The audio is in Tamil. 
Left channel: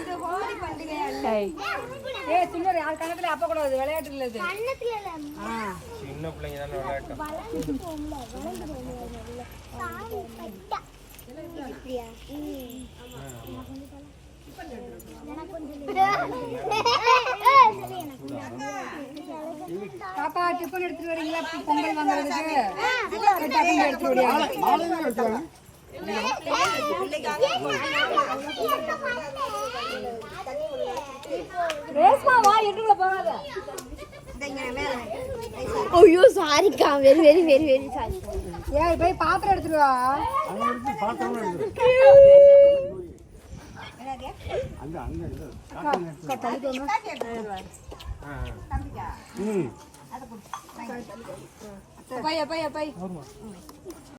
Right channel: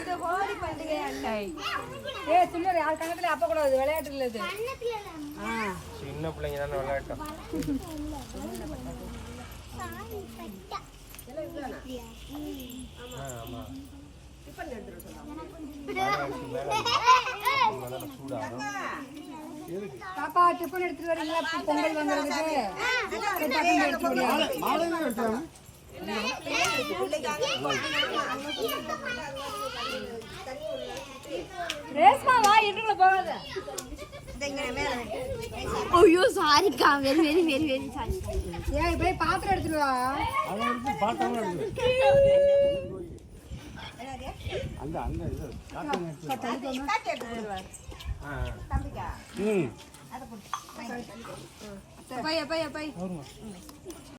இது ஹோலி பண்டிகை அண்டை. சின்ன யார் கணத்துல அப்ப கூடாது, விளையாட்டு இல்லது. சின்ன பிள்ளைங்க தானே விளையாட்டும். பாப்பா டிஃபன் எடுத்துட்டு வரீங்களா? பொங்கல் வாங்குறதுக்கு ஐயோ சாரிக்கா, very very very very sorry. ஏய் போய் பாத்திரம் எடுத்துட்டு வா. அப்பா அப்பா அப்பா